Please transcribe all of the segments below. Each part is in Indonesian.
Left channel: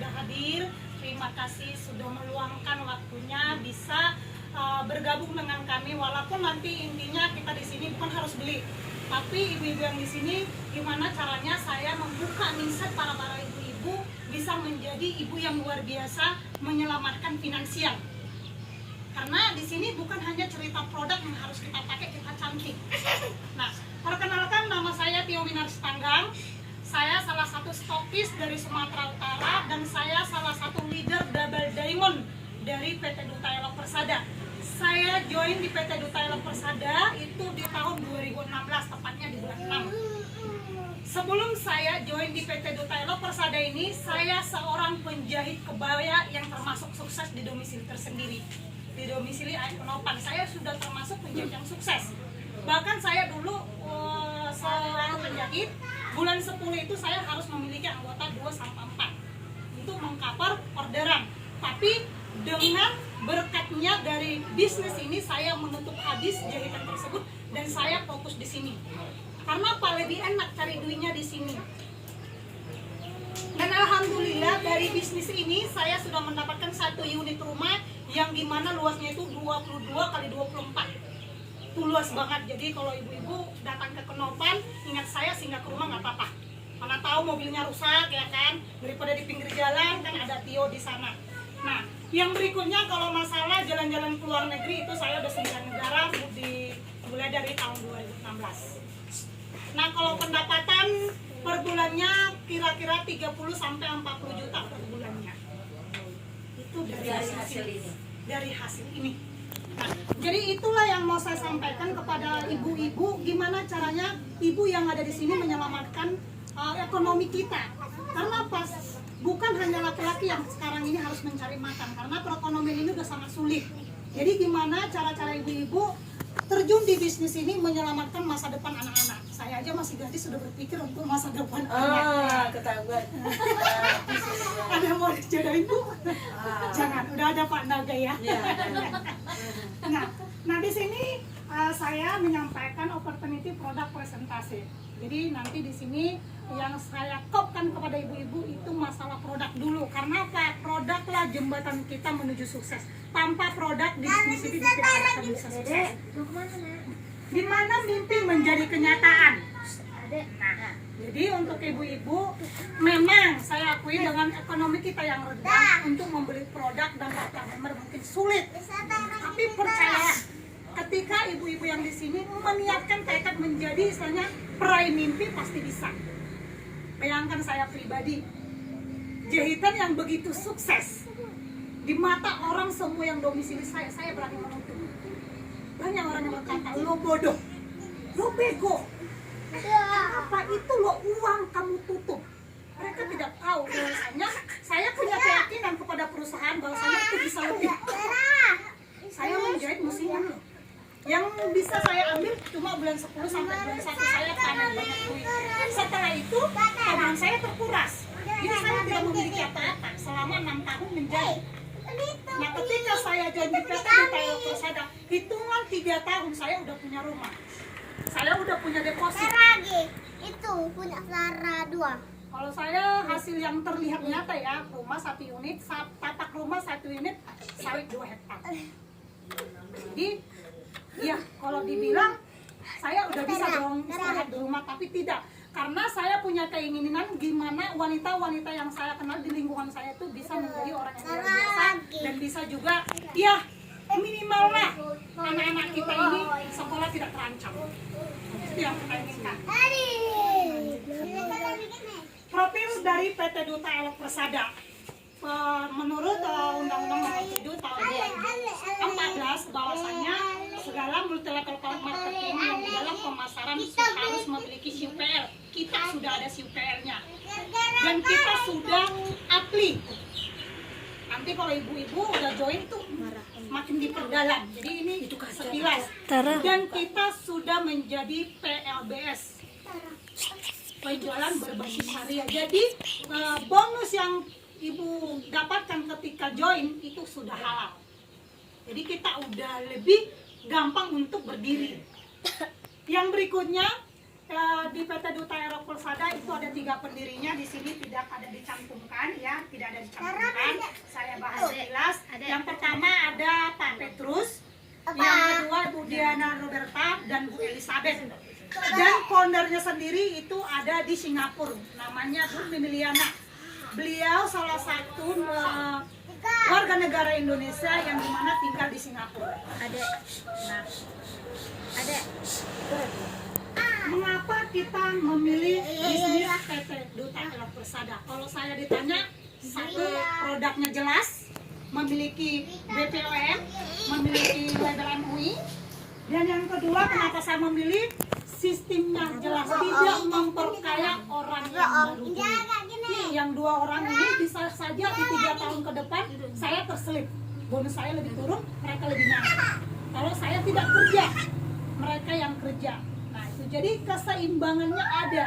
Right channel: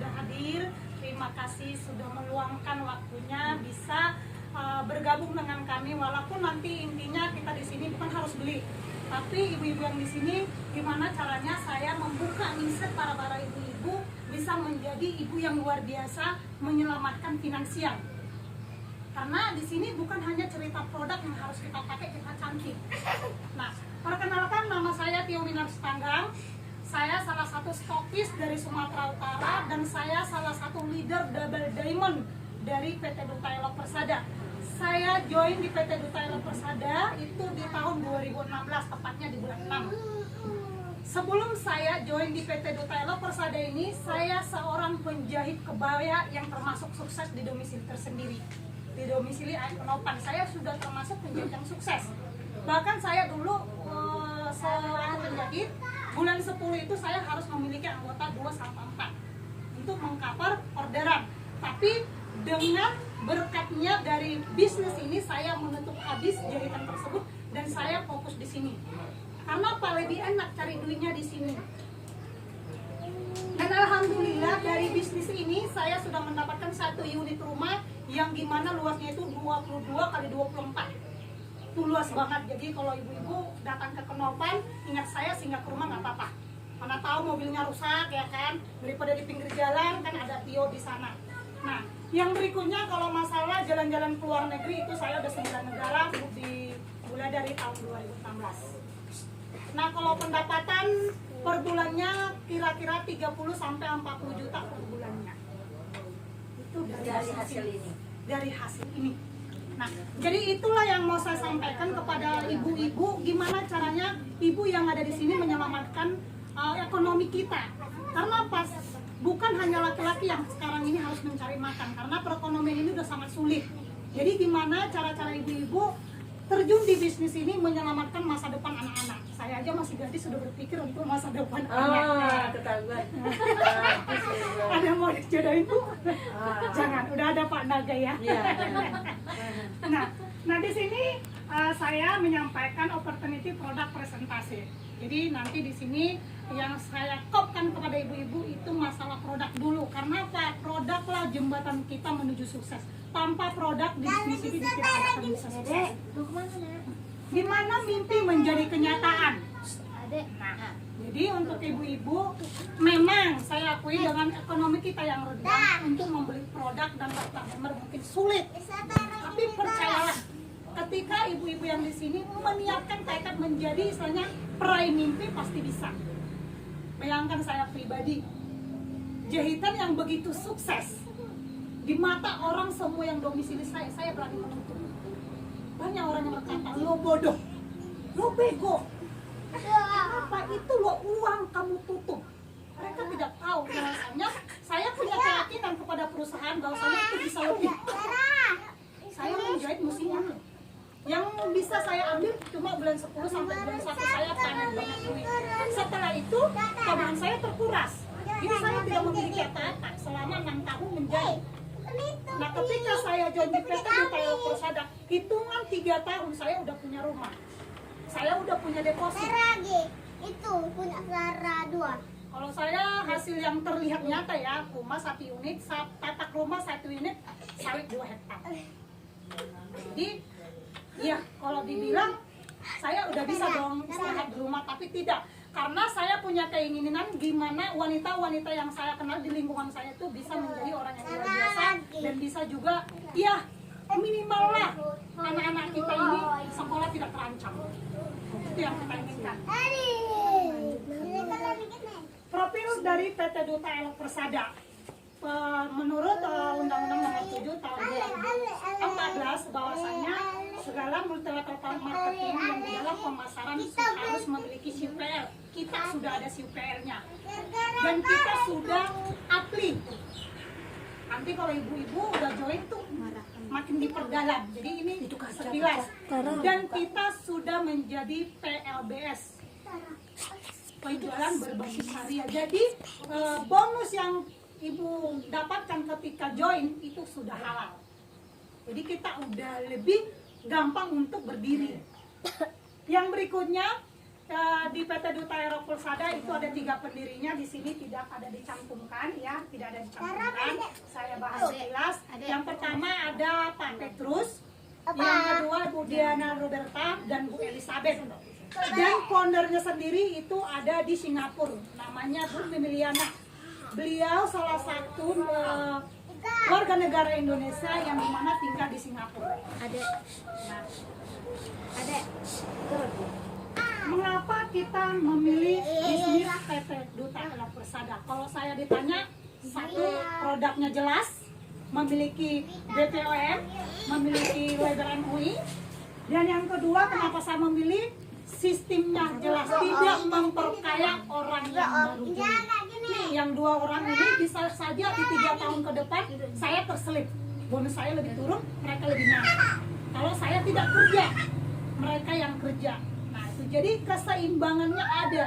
sudah hadir. Terima kasih sudah meluangkan waktunya bisa bergabung dengan kami. Walaupun nanti intinya kita di sini bukan harus beli, tapi ibu-ibu yang di sini gimana caranya saya membuka mindset para ibu-ibu bisa menjadi ibu yang luar biasa menyelamatkan finansial. Karena di sini bukan hanya cerita produk yang harus kita pakai, kita cantik. Nah, perkenalkan, nama saya Tio Winarstanggang. Saya salah satu stokis dari Sumatera Utara dan saya salah satu leader double diamond dari PT Duta Elok Persada. Saya join di PT Duta Elok Persada itu di tahun 2016, tepatnya di bulan 6. Sebelum saya join di PT Duta Elok Persada ini, saya seorang penjahit kebaya yang termasuk sukses di domisili tersendiri. Di domisili Nopan, saya sudah termasuk penjahit yang sukses. Bahkan saya dulu seorang penjahit, bulan 10 itu saya harus memiliki anggota 2-4 untuk mengcover orderan. Tapi dengan berkatnya dari bisnis ini, saya menutup habis jahitan tersebut dan saya fokus di sini. Karena apa? Lebih enak cari duitnya di sini. Dan alhamdulillah dari bisnis ini saya sudah mendapatkan satu unit rumah yang dimana luasnya itu 22 kali 24. Itu luas banget. Jadi kalau ibu-ibu datang ke Kenopan, ingat saya singgah ke rumah nggak apa-apa. Mana tahu mobilnya rusak ya kan, daripada di pinggir jalan kan ada Tio di sana. Nah, yang berikutnya kalau masalah jalan-jalan ke luar negeri itu saya udah 9 negara mulai dari tahun 2016. Nah, kalau pendapatan per bulannya kira-kira 30 sampai 40 juta per bulannya. Itu dari hasil ini. Dari hasil ini. Nah, jadi itulah yang mau saya sampaikan kepada ibu-ibu, gimana caranya ibu yang ada di sini menyelamatkan ekonomi kita. Karena pas bukan hanya laki-laki yang sekarang ini harus mencari makan, karena perekonomian ini udah sangat sulit. Jadi gimana cara-cara ibu-ibu terjun di bisnis ini menyelamatkan masa depan anak-anak. Saya aja masih gadis sudah berpikir untuk masa depan anak. Ketahuan. Ada yang mau dijodohin Bu? Jangan, udah ada Pak Naga ya. Nah di sini saya menyampaikan opportunity produk presentasi. Jadi nanti di sini yang saya kopkan kepada ibu-ibu itu masalah produk dulu. Karena apa? Produklah jembatan kita menuju sukses. Tanpa produk di bisnis ini tidak akan bisa sukses. Di mana mimpi menjadi kenyataan. Nah, jadi untuk ibu-ibu, memang saya akui dengan ekonomi kita yang rendah untuk membeli produk dan daftar member mungkin sulit. Tapi percayalah, ketika ibu-ibu yang di sini meniatkan tekad menjadi istilahnya peraih mimpi, pasti bisa. Bayangkan saya pribadi, jahitan yang begitu sukses di mata orang semua yang domisili saya berani menuntut. Banyak orang yang berkata, lo bodoh, lo bego, apa itu lo uang kamu tutup. Mereka tidak tahu bahwasanya saya punya keyakinan kepada perusahaan bahwasanya itu bisa lebih. Saya menjahit mesin loh. Yang bisa saya ambil cuma bulan 10 sampai bulan 1 saya panen banyak duit. Setelah itu tabungan saya terkuras. Jadi saya tidak memiliki apa-apa selama 6 tahun menjahit. Nah, ketika saya join di PT Duta Elok Persada, hitungan 3 tahun saya udah punya rumah. Saya udah punya deposit. Itu punya Clara 2. Kalau saya hasil yang terlihat nyata ya, rumah 1 unit, tapak rumah 1 unit, sawit 2 hektar. Jadi ya kalau dibilang saya udah bisa dong istirahat di rumah, tapi tidak. Karena saya punya keinginan gimana wanita-wanita yang saya kenal di lingkungan saya itu bisa menjadi orang yang luar biasa dan bisa juga ya minimal lah anak-anak kita ini sekolah tidak terancam. Itu yang kita inginkan. Profil dari PT Duta Elok Persada. Menurut Undang-Undang Nomor 7 tahun 2014 bahwasanya segala multi-level marketing yang di dalam pemasaran harus memiliki CUPL. Kita sudah ada CUPL-nya dan kita sudah apply. Nanti kalau ibu-ibu udah join tuh makin diperdalam. Jadi ini sekilas. Dan kita sudah menjadi PLBS, penjualan berbasis syariah. Jadi bonus yang ibu dapatkan ketika join itu sudah halal. Jadi kita udah lebih gampang untuk berdiri. Yang berikutnya di PT Duta Aero Persada itu ada 3 pendirinya, di sini tidak ada dicantumkan ya, tidak ada dicantumkan. Saya bahas jelas. Yang pertama ada Pak Petrus, yang kedua Bu Diana Roberta dan Bu Elizabeth. Dan foundernya sendiri itu ada di Singapura, namanya Bu Mimiliana. Beliau salah satu warga negara Indonesia yang dimana tinggal di Singapura. Nah, mengapa kita memilih bisnis PT Duta Aero Persada? Kalau saya ditanya, satu, produknya jelas, memiliki BPOM, memiliki label MUI, dan yang kedua, kenapa saya memilih sistemnya jelas, tidak memperkaya orang yang baru join. Nih, yang 2 orang ini bisa saja di 3 tahun ke depan saya terselip, bonus saya lebih turun, mereka lebih naik. Kalau saya tidak kerja, mereka yang kerja. Nah itu jadi keseimbangannya ada.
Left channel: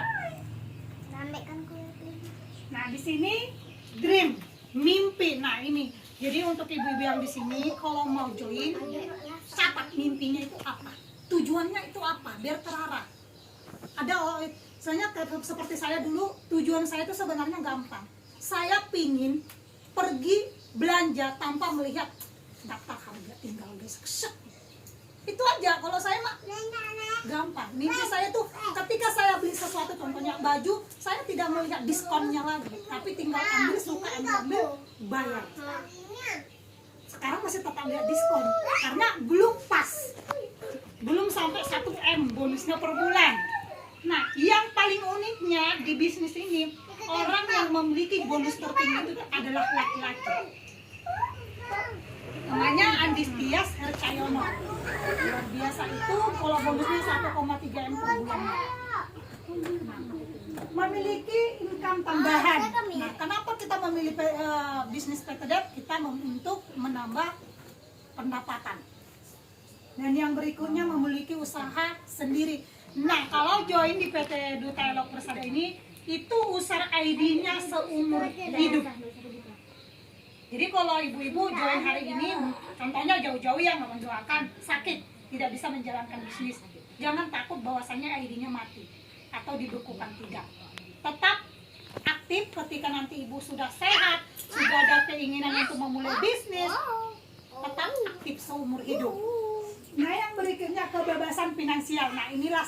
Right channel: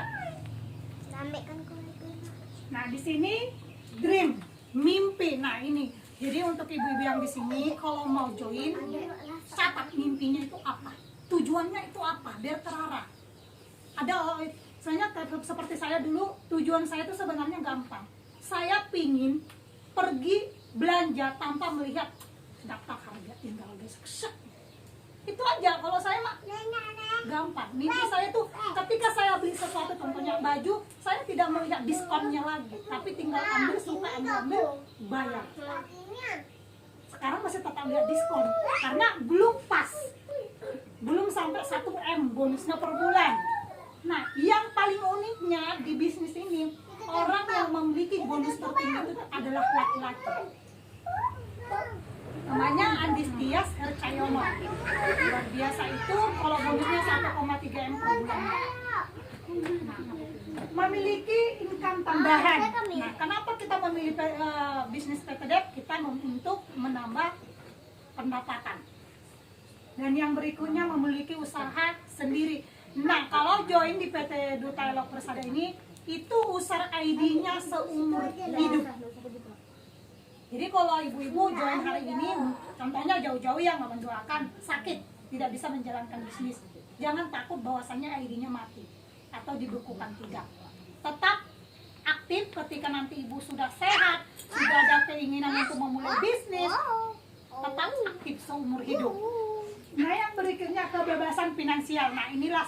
Nah di sini dream, mimpi. Nah ini jadi untuk ibu-ibu yang di sini kalau mau join, catat mimpinya itu apa, tujuannya itu apa, biar terarah. Ada saya seperti saya dulu, tujuan saya itu sebenarnya gampang. Saya pingin pergi belanja tanpa melihat daftar harga, tinggal gesek. Itu aja. Kalau saya mah gampang. Mimpi saya tuh ketika saya beli sesuatu, contohnya baju, saya tidak melihat diskonnya lagi, tapi tinggal ambil, suka ambil, bayar. Sekarang masih tetap lihat diskon karena belum pas, belum sampai 1 M bonusnya per bulan. Nah, yang paling uniknya di bisnis ini, orang yang memiliki bonus tertinggi itu adalah laki-laki. Namanya Andis Tias Hercayono. Luar biasa itu, kalau bonusnya 1,3 M per bulan. Nah, memiliki income tambahan. Nah, kenapa kita memilih bisnis PT Dep? Kita untuk menambah pendapatan. Dan yang berikutnya memiliki usaha sendiri. Nah, kalau join di PT Duta Aero Persada ini, itu user ID-nya seumur hidup. Jadi kalau ibu-ibu join hari ini, contohnya jauh-jauh yang mendoakan sakit, tidak bisa menjalankan bisnis, jangan takut bahwasannya ID-nya mati atau dibekukan, tidak. Tetap aktif ketika nanti ibu sudah sehat, sudah ada keinginan untuk memulai bisnis, tetap aktif seumur hidup. Nah yang berikutnya kebebasan finansial. Nah inilah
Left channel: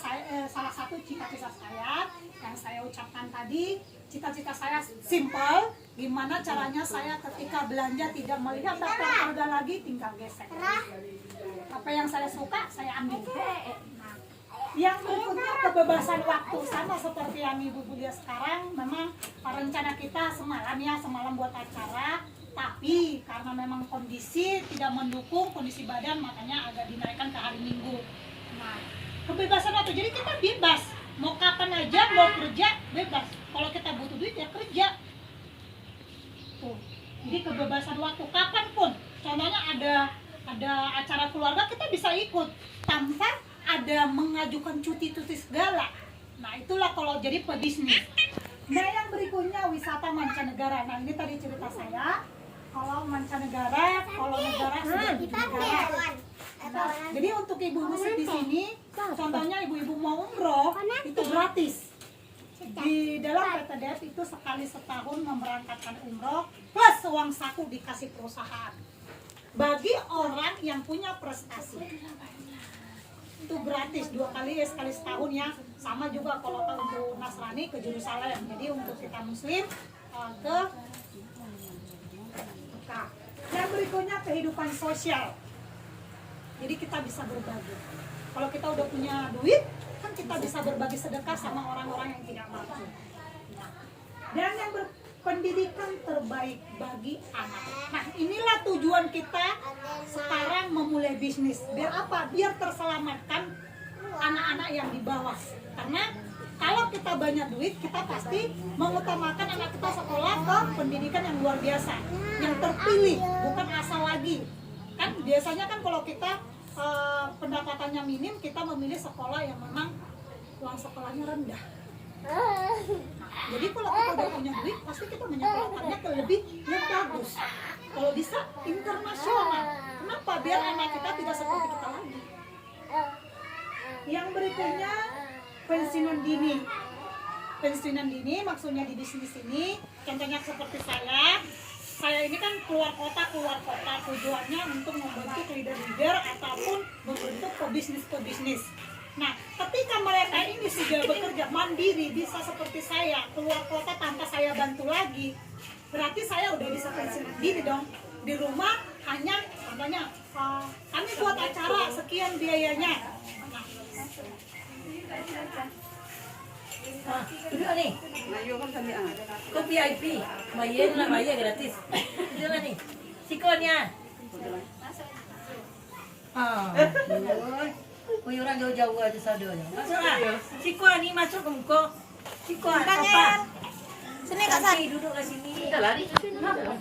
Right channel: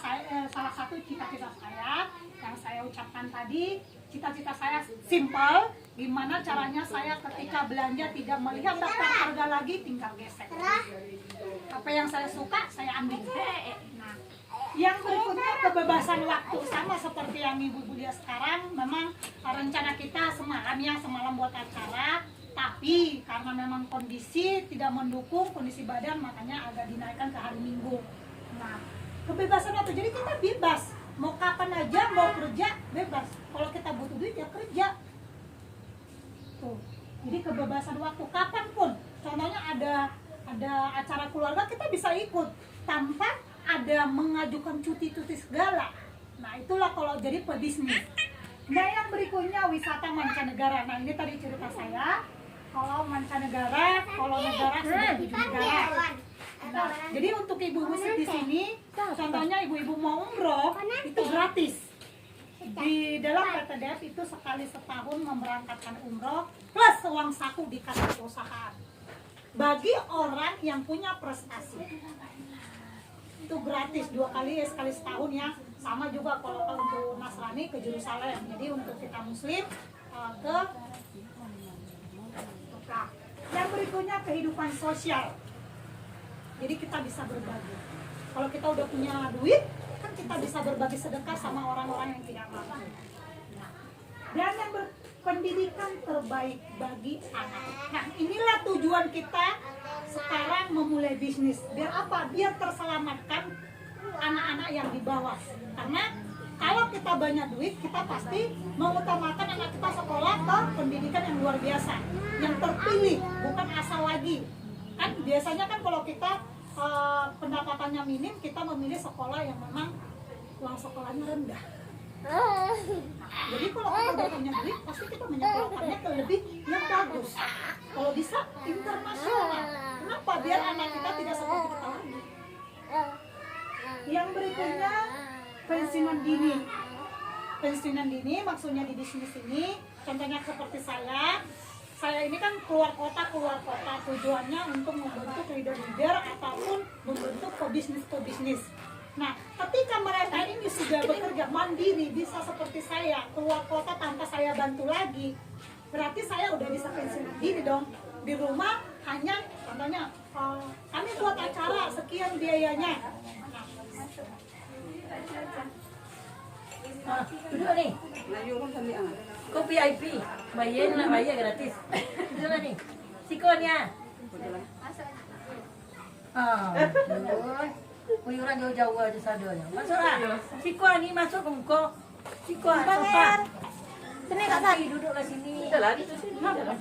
salah satu cita-cita saya yang saya ucapkan tadi. Cita-cita saya simple, gimana caranya saya ketika belanja tidak melihat daftar harga lagi, tinggal gesek. Apa yang saya suka, saya ambil. Nah, yang berikutnya kebebasan waktu, sama seperti yang ibu-ibu lihat sekarang. Memang rencana kita semalam buat acara, tapi karena memang kondisi tidak mendukung, kondisi badan, makanya agak dinaikkan ke hari Minggu. Nah, kebebasan waktu, jadi kita bebas. Mau kapan aja, mau kerja, bebas. Kalau kita butuh duit, ya kerja. Tuh. Jadi kebebasan waktu, kapanpun. Contohnya ada acara keluarga, kita bisa ikut. Tanpa ada mengajukan cuti-cuti segala. Nah, itulah kalau jadi pebisnis. Nah, yang berikutnya wisata mancanegara. Nah, ini tadi cerita saya. Kalau mancanegara, kalau negara sudah 7 negara. Nah, jadi untuk ibu-ibu di sini, contohnya ibu-ibu mau umroh, itu gratis. Di dalam PT Dep itu sekali setahun memberangkatkan umroh plus uang saku di kas perusahaan. Bagi orang yang punya prestasi, itu gratis 2 kali, sekali setahun ya. Sama juga kalau untuk Nasrani ke Yerusalem. Jadi untuk kita Muslim ke Mekah. Yang berikutnya kehidupan sosial. Jadi kita bisa berbagi. Kalau kita udah punya duit, kan kita bisa berbagi sedekah sama orang-orang yang tidak mampu. Nah, dan yang berpendidikan terbaik bagi anak. Nah, inilah tujuan kita sekarang memulai bisnis. Biar apa? Biar terselamatkan anak-anak yang di bawah. Karena kalau kita banyak duit, kita pasti mengutamakan anak kita sekolah ke pendidikan yang luar biasa, yang terpilih, bukan asal lagi. Kan biasanya kan kalau kita pendapatannya minim, kita memilih sekolah yang memang uang sekolahnya rendah. Nah, jadi kalau kita udah punya duit, pasti kita menyekolahkannya ke lebih yang bagus. Kalau bisa internasional. Kenapa? Biar anak kita tidak seperti kita lagi. Yang berikutnya pensiunan dini. Pensiunan dini maksudnya di bisnis ini, contohnya seperti saya ini kan keluar kota, tujuannya untuk membentuk leader-leader ataupun membentuk pebisnis. Nah, ketika mereka ini sudah bekerja mandiri, bisa seperti saya, keluar kota tanpa saya bantu lagi, berarti saya udah bisa pensiun diri dong. Di rumah hanya, contohnya, kami buat acara, sekian biayanya. Duduk nih. Kau VIP, bayar gratis. Duduk nih. Sikonnya. Orang jauh-jauh aja sadonya. Masuklah. Sikon ini masuk ke muka. Sikon apa? Sini Kak San. Duduklah sini.